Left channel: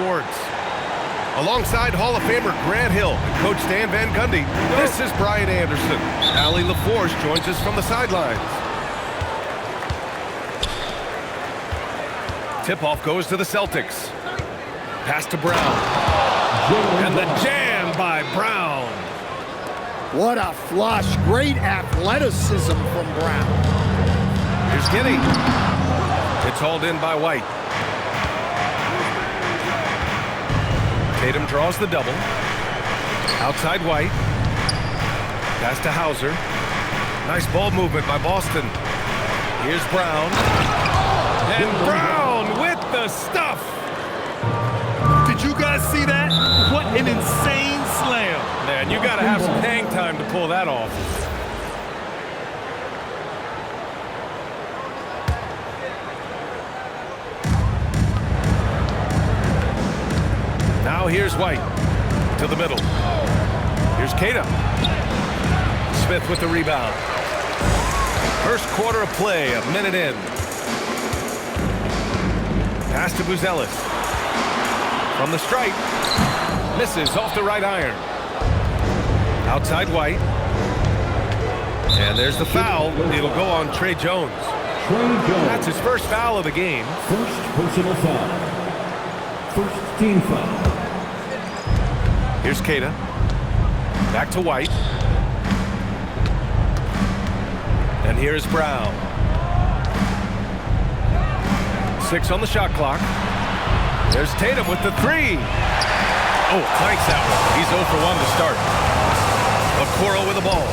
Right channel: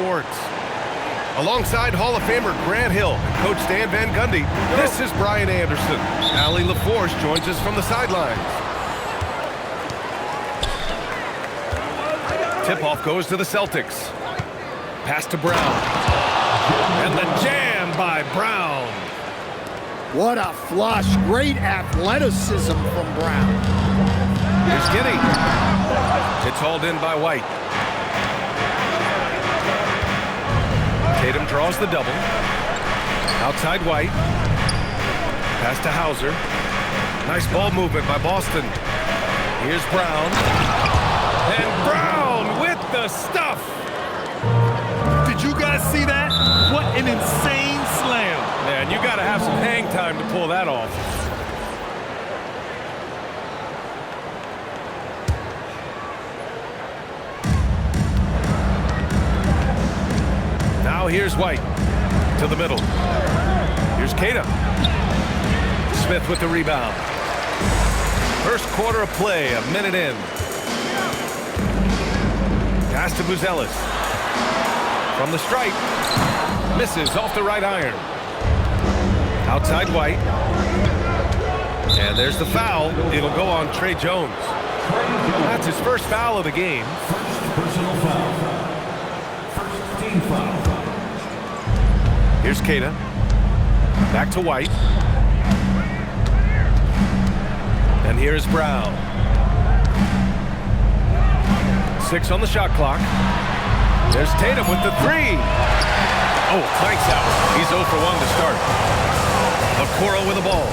Sports. Alongside Hall of Famer Grant Hill and Coach Stan Van Gundy, this is Brian Anderson. Allie LaForce joins us from the sidelines. Tip-off goes to the Celtics. Pass to Brown. And the jam by Brown. What a flush. Great athleticism from Brown. Here's Giddey. It's hauled in by White. Tatum draws the double. Outside White. Pass to Hauser. Nice ball movement by Boston. Here's Brown. And Brown with the stuff. Did you guys see that? What an insane slam. Man, you got to have some hang time to pull that off. Now here's White to the middle. Here's Queta. Smith with the rebound. First quarter of play, a minute in. Pass to Buzelis. From the stripe. Misses off the right iron. Outside White. And there's the foul. It'll go on Tre Jones. That's his first foul of the game. First personal foul. First team foul. Here's Queta. Back to White. And here's Brown. 6 on the shot clock. There's Tatum with the 3. Oh, clanks that one. He's 0 for 1 to start. Okoro with the ball.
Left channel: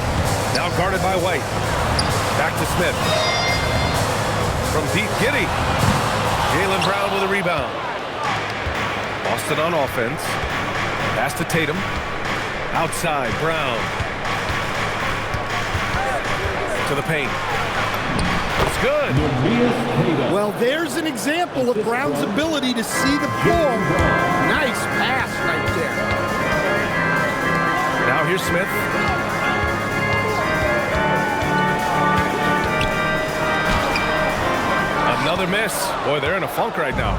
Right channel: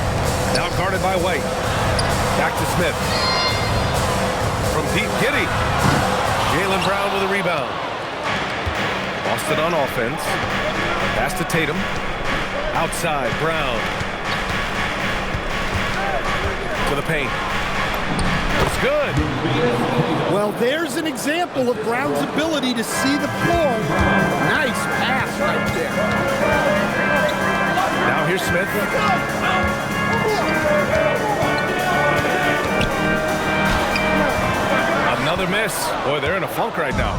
Now guarded by White. Back to Smith. From Pete Giddey. Jaylen Brown with a rebound. Boston on offense. Pass to Tatum. Outside, Brown. To the paint. It's good. Well, there's an example of Brown's ability to see the floor. Nice pass right there. Now here's Smith. Another miss. Boy, they're in a funk right now.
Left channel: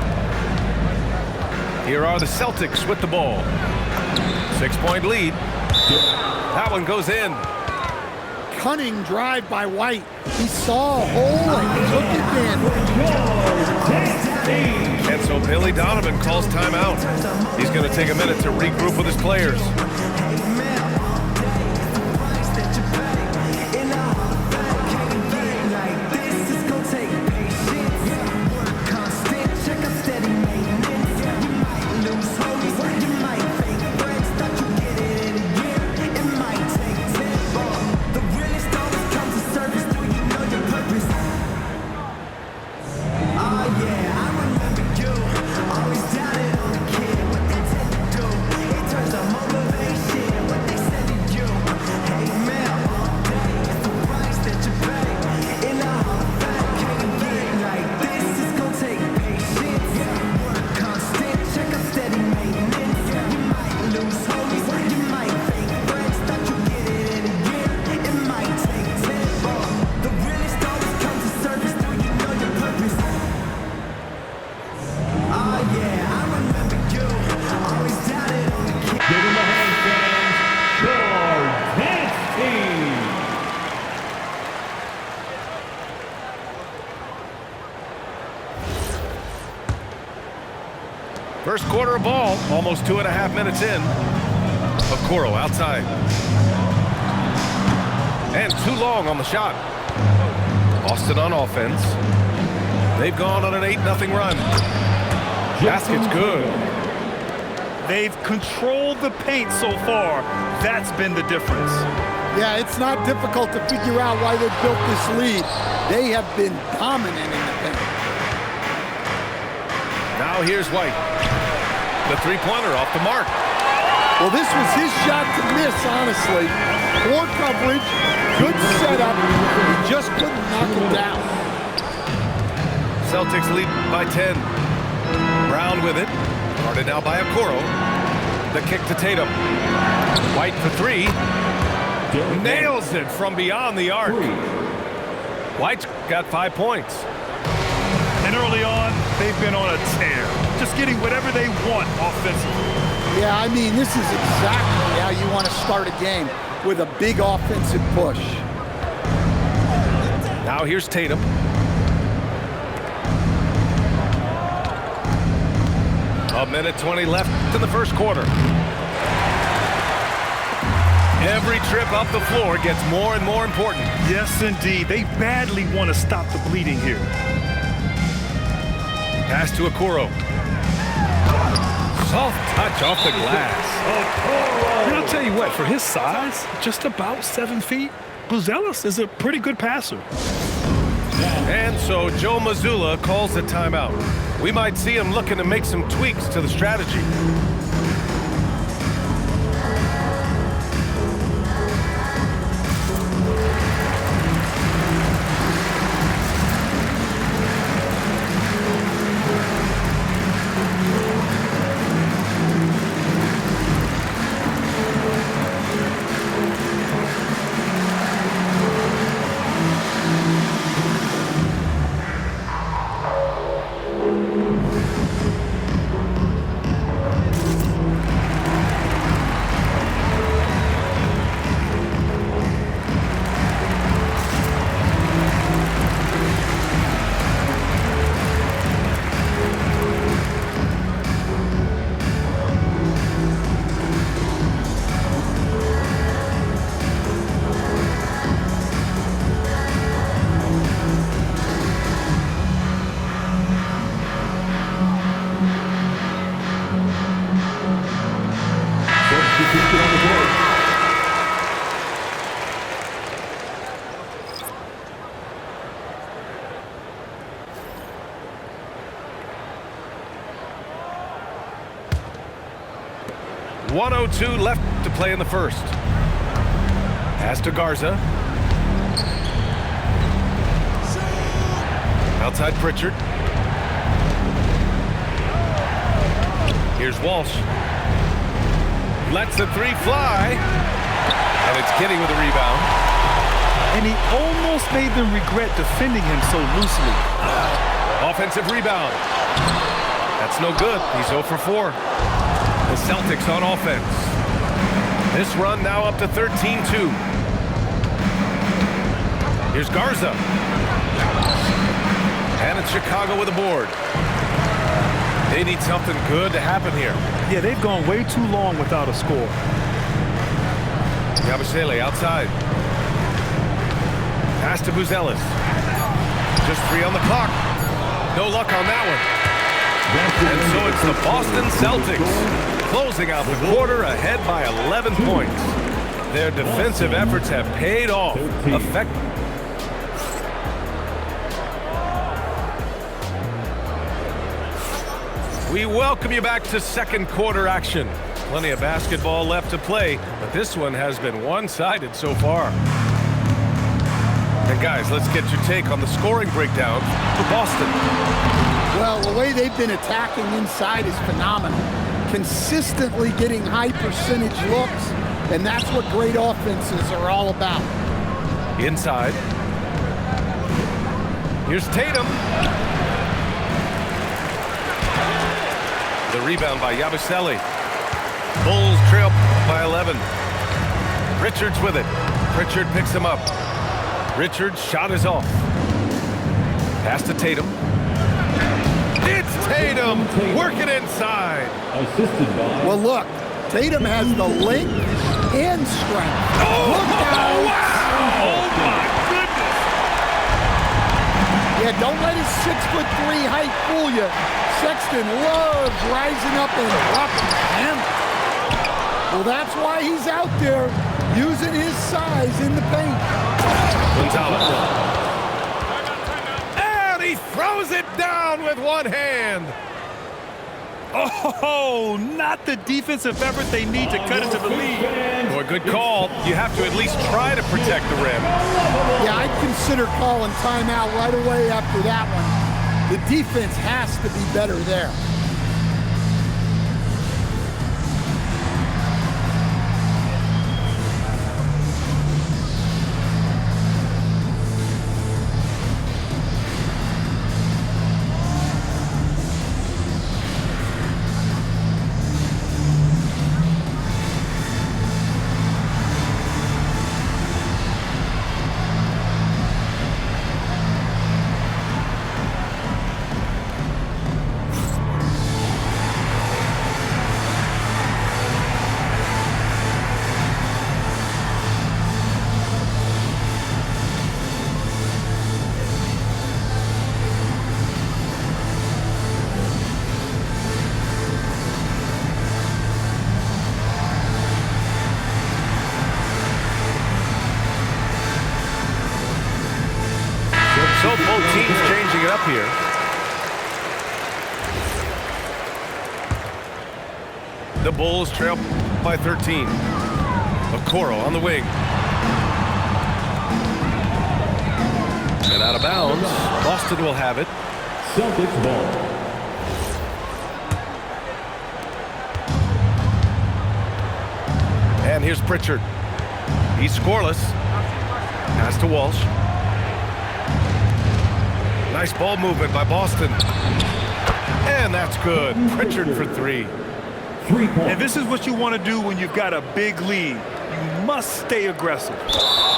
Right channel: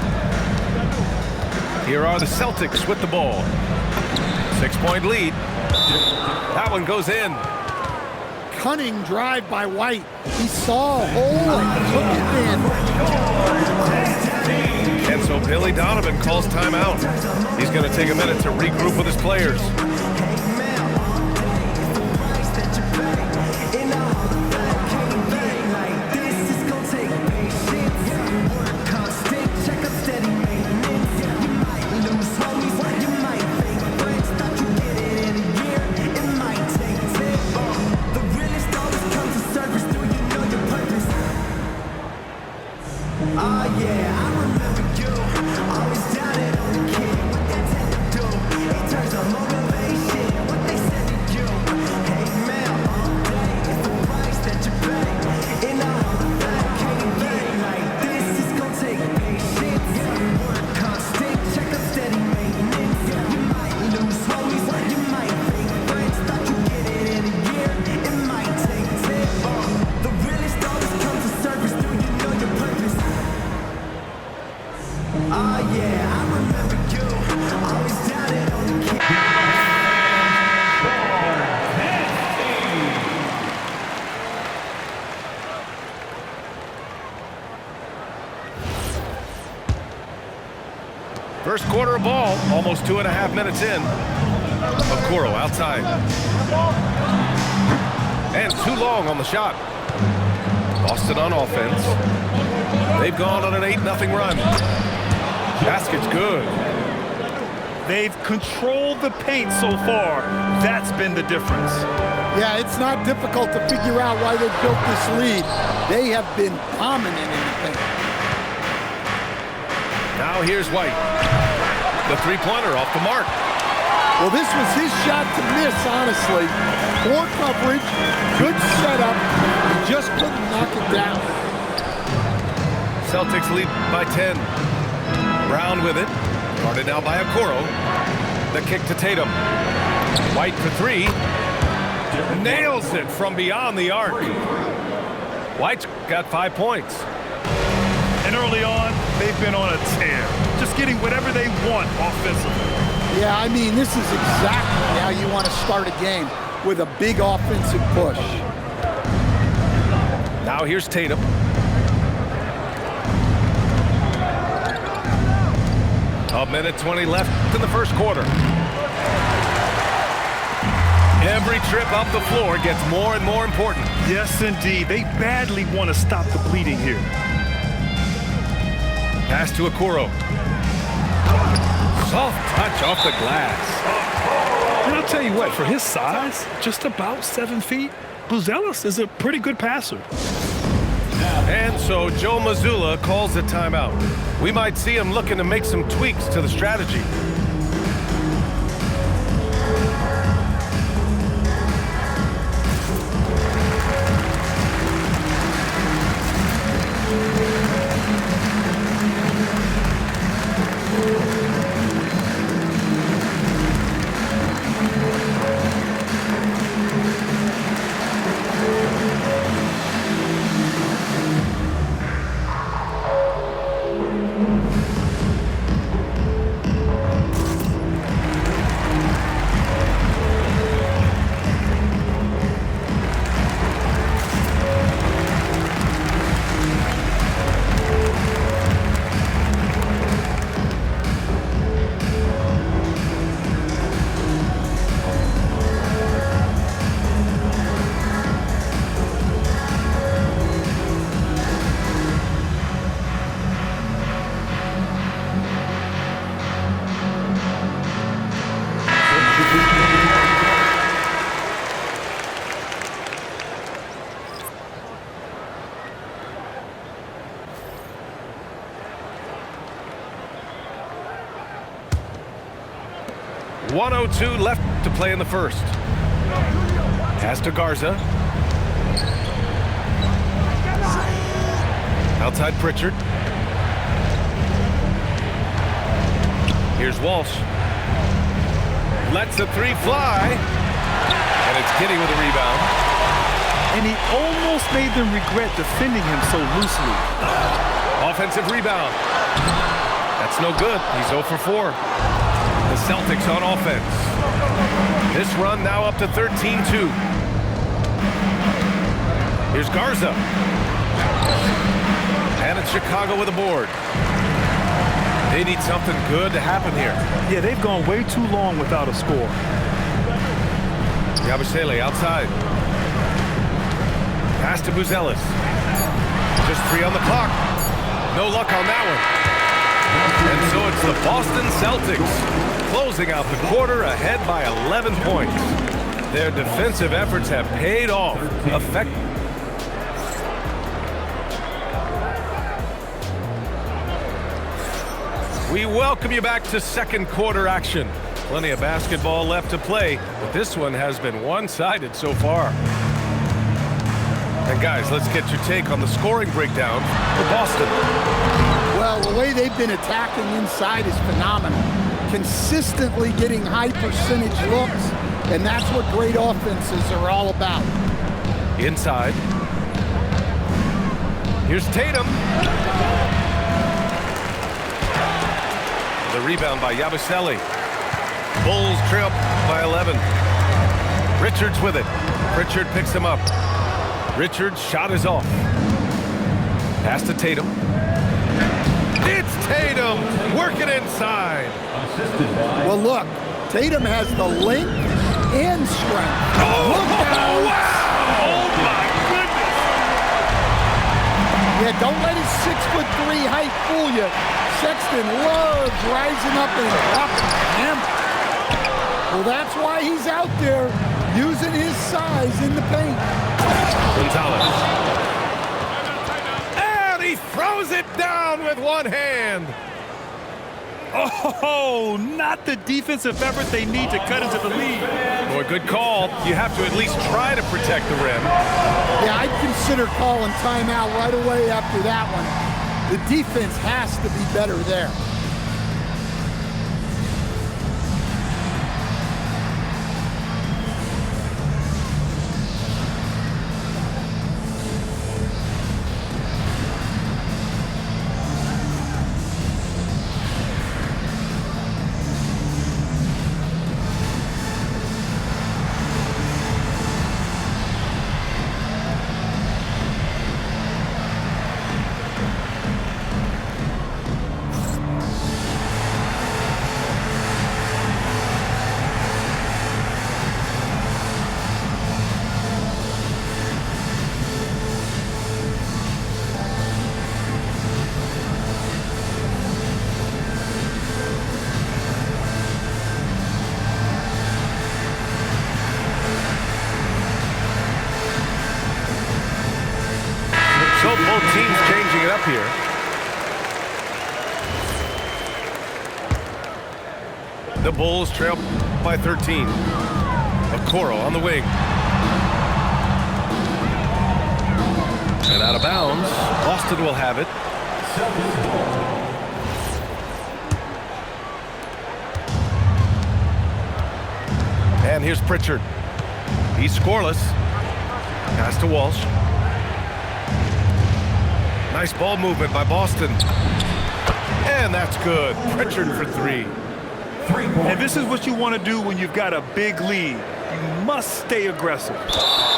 Here are the Celtics with the ball. 6-point lead. That one goes in. Cunning drive by White. He saw a hole and took advantage. And so Billy Donovan calls timeout. He's going to take a minute to regroup with his players. First quarter of ball, almost 2.5 minutes in. Okoro outside. And too long on the shot. Boston on offense. They've gone on an 8-0 run. Basket's good. They've controlled the paint so far. That's been the difference. Yeah, it's not difficult to figure out why they built this lead. They have been dominant in the paint. Now here's White. The three-pointer off the mark. Well, this was his shot to miss, honestly. Poor coverage, good setup. He just couldn't knock it down. Celtics lead by 10. Brown with it. Guarded now by Okoro. The kick to Tatum. White for 3. Nails it from beyond the arc. White's got 5 points. And early on, they've been on a tear, just getting whatever they want offensively. Yeah, I mean, this is exactly how you want to start a game, with a big offensive push. Now here's Tatum. A minute 20 left in the first quarter. Every trip up the floor gets more and more important. Yes, indeed. They badly want to stop the bleeding here. Pass to Okoro. Soft touch off the glass. And I'll tell you what, for his size, just about 7 feet, Buzelis is a pretty good passer. And so Joe Mazzulla calls a timeout. We might see him looking to make some tweaks to the strategy. .102 left to play in the first. Pass to Garza. Outside Pritchard. Here's Walsh. Lets the three fly. And it's Giddey with a rebound. And he almost made them regret defending him so loosely. Offensive rebound. That's no good. He's 0 for 4. The Celtics on offense. This run now up to 13-2. Here's Garza. And it's Chicago with a board. They need something good to happen here. Yeah, they've gone way too long without a score. Yabusele outside. Pass to Buzelis. Just 3 on the clock. No luck on that one. And so it's the Boston Celtics closing out the quarter ahead by 11 points. Their defensive efforts have paid off. We welcome you back to second quarter action. Plenty of basketball left to play, but this one has been one-sided so far. And guys, let's get your take on the scoring breakdown for Boston. Well, the way they've been attacking inside is phenomenal. Consistently getting high percentage looks, and that's what great offenses are all about. Inside. Here's Tatum. The rebound by Yabusele. Bulls trail by 11. Richards with it. Pritchard picks him up. Richards' shot is off. Pass to Tatum. It's Tatum working inside. Well, look, Tatum has the length and strength. Oh, look out. Wow! Oh, my goodness. Yeah, don't let his 6'3" height fool you. Sexton loves rising up and dropping him. Well, that's why he's out there using his size in the paint. Gonzalez. And he throws it down with one hand. Oh, not the defensive effort they need to cut into the lead. Boy, good call. You have to at least try to protect the rim. Yeah, I'd consider calling timeout right away after that one. The defense has to be better there. Both teams changing it up here. The Bulls trail by 13. Okoro on the wing. And out of bounds. Boston will have it. Celtics ball. And here's Pritchard. He's scoreless. Pass to Walsh. Nice ball movement by Boston. And that's good. Pritchard for three. 3 points. And this is what you want to do when you've got a big lead. You must stay aggressive.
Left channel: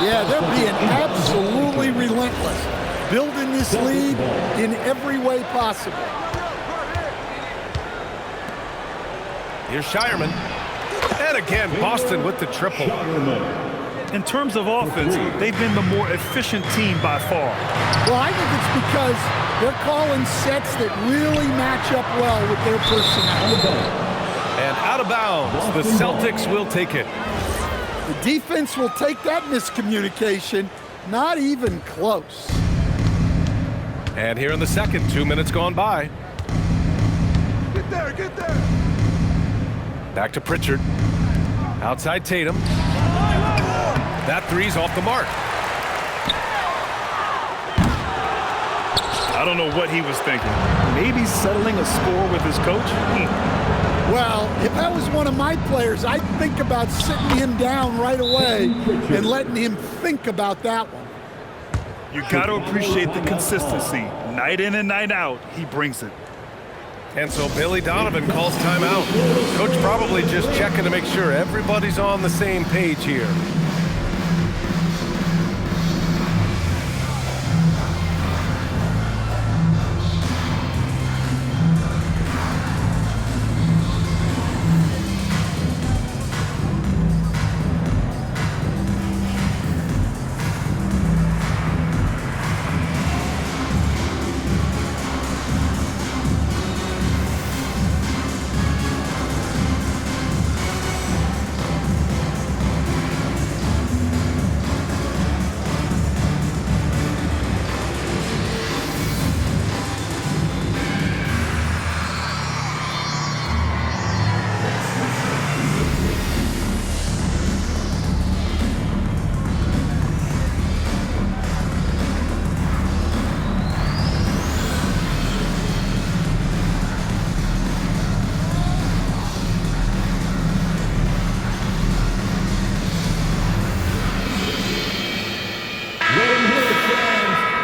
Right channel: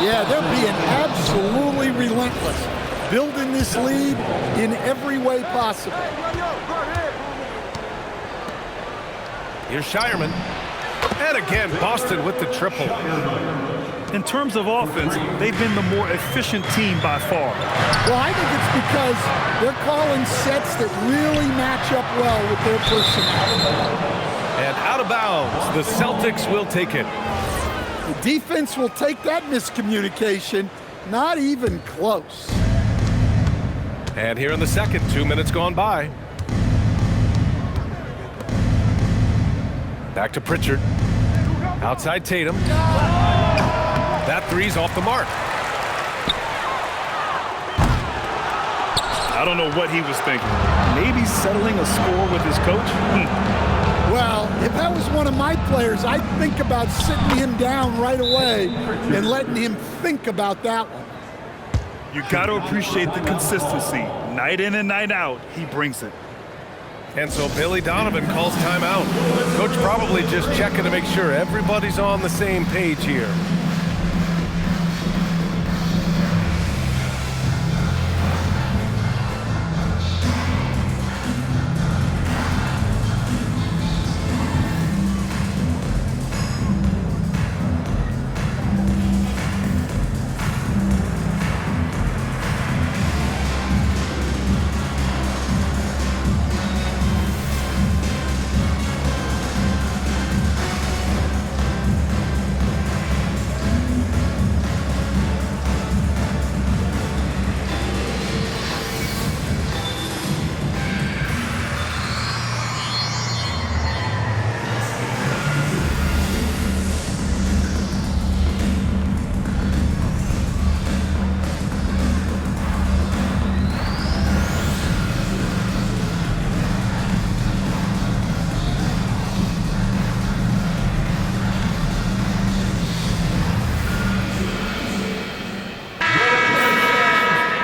Yeah, they're being absolutely relentless, building this lead in every way possible. Here's Shireman. And again, Boston with the triple. In terms of offense, they've been the more efficient team by far. Well, I think it's because they're calling sets that really match up well with their personnel. And out of bounds, the Celtics will take it. The defense will take that miscommunication, not even close. And here in the second, 2 minutes gone by. Get there. Back to Pritchard. Outside Tatum. That three's off the mark. I don't know what he was thinking. Maybe settling a score with his coach? Well, if that was one of my players, I'd think about sitting him down right away and letting him think about that one. You got to appreciate the consistency. Night in and night out, he brings it. And so Billy Donovan calls timeout. Coach probably just checking to make sure everybody's on the same page here.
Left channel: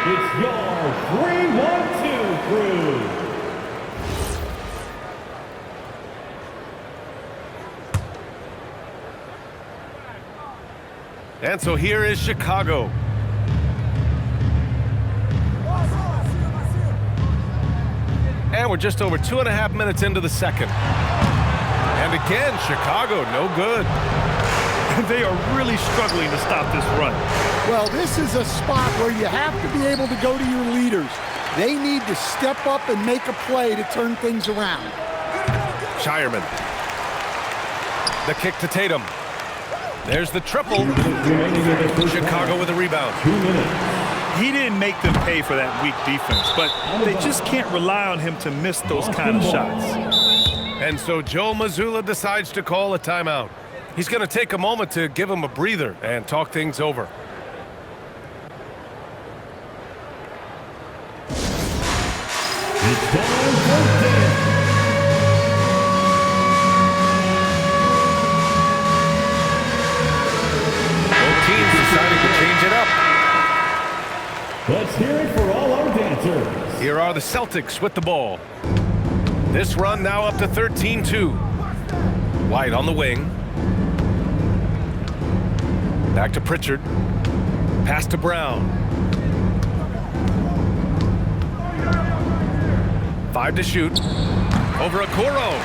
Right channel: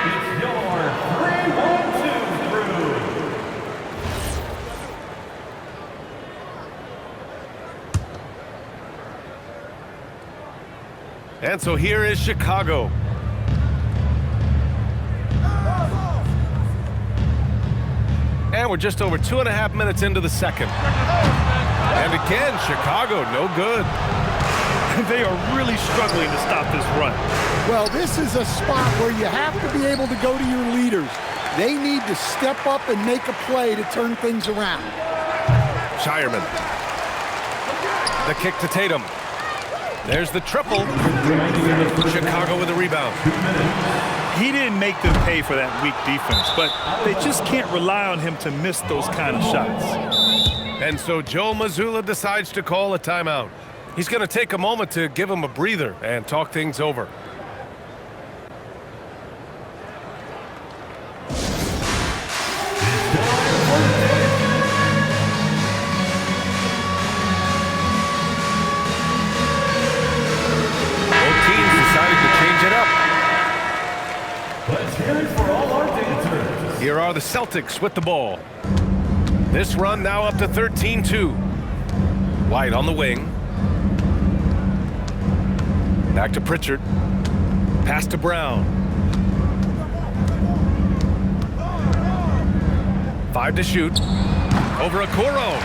It's your 3-1-2 crew. And so here is Chicago. And we're just over 2.5 minutes into the second. And again, Chicago, no good. They are really struggling to stop this run. Well, this is a spot where you have to be able to go to your leaders. They need to step up and make a play to turn things around. Shireman. The kick to Tatum. There's the triple. Chicago with a rebound. 2 minutes. He didn't make them pay for that weak defense, but they just can't rely on him to miss those kind of shots. And so Joe Mazzulla decides to call a timeout. He's going to take a moment to give him a breather and talk things over. It's time for this. Both teams deciding to change it up. Let's hear it for all our dancers. Here are the Celtics with the ball. This run now up to 13-2. White on the wing. Back to Pritchard. Pass to Brown. 5 to shoot. Over Okoro.